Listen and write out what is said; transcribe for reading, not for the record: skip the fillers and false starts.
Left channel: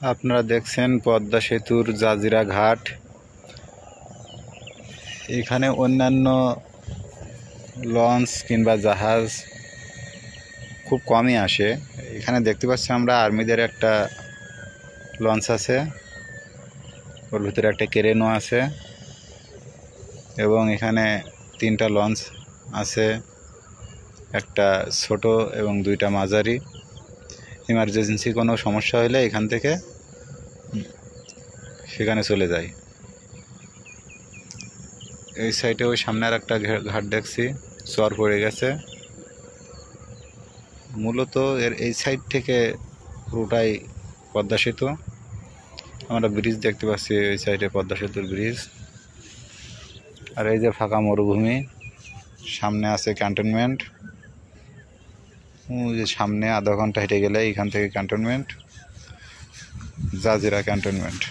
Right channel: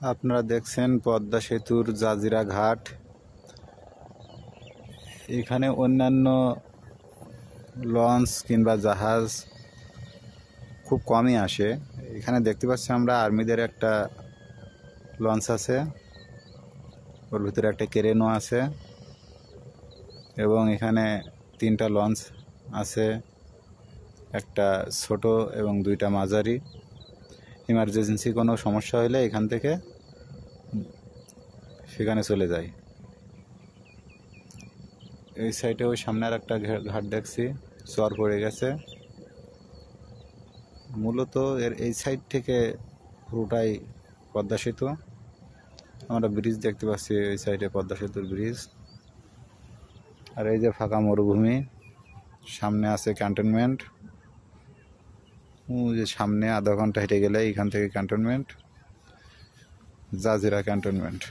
আপনারা দেখছেন পদ্মা সেতুর জাজিরা ঘাট। এখানে অন্যান্য লঞ্চ কিংবা জাহাজ খুব কমই আসে। এখানে দেখতে পাচ্ছি আমরা আর্মিদের একটা লঞ্চ আছে, ওর ভিতরে একটা ক্রেনও আছে এবং এখানে 3টা লঞ্চ আছে, একটা ছোট এবং 2টা মাঝারি। ইমার্জেন্সি কোনো সমস্যা হলে এখান থেকে সেখানে চলে যায়। এই সাইডে ওই সামনে আর একটা ঘাট দেখছি, চর পড়ে গেছে। মূলত এর এই সাইড থেকে পুরোটাই পদ্মা সেতু। আমরা ব্রিজ দেখতে পাচ্ছি, এই সাইডে পদ্মা সেতুর ব্রিজ। আর এই যে ফাঁকা মরুভূমি, সামনে আছে ক্যান্টনমেন্ট। যে সামনে আধা ঘন্টা হেঁটে গেলে এখান থেকে ক্যান্টনমেন্ট, জাজিরা ক্যান্টনমেন্ট।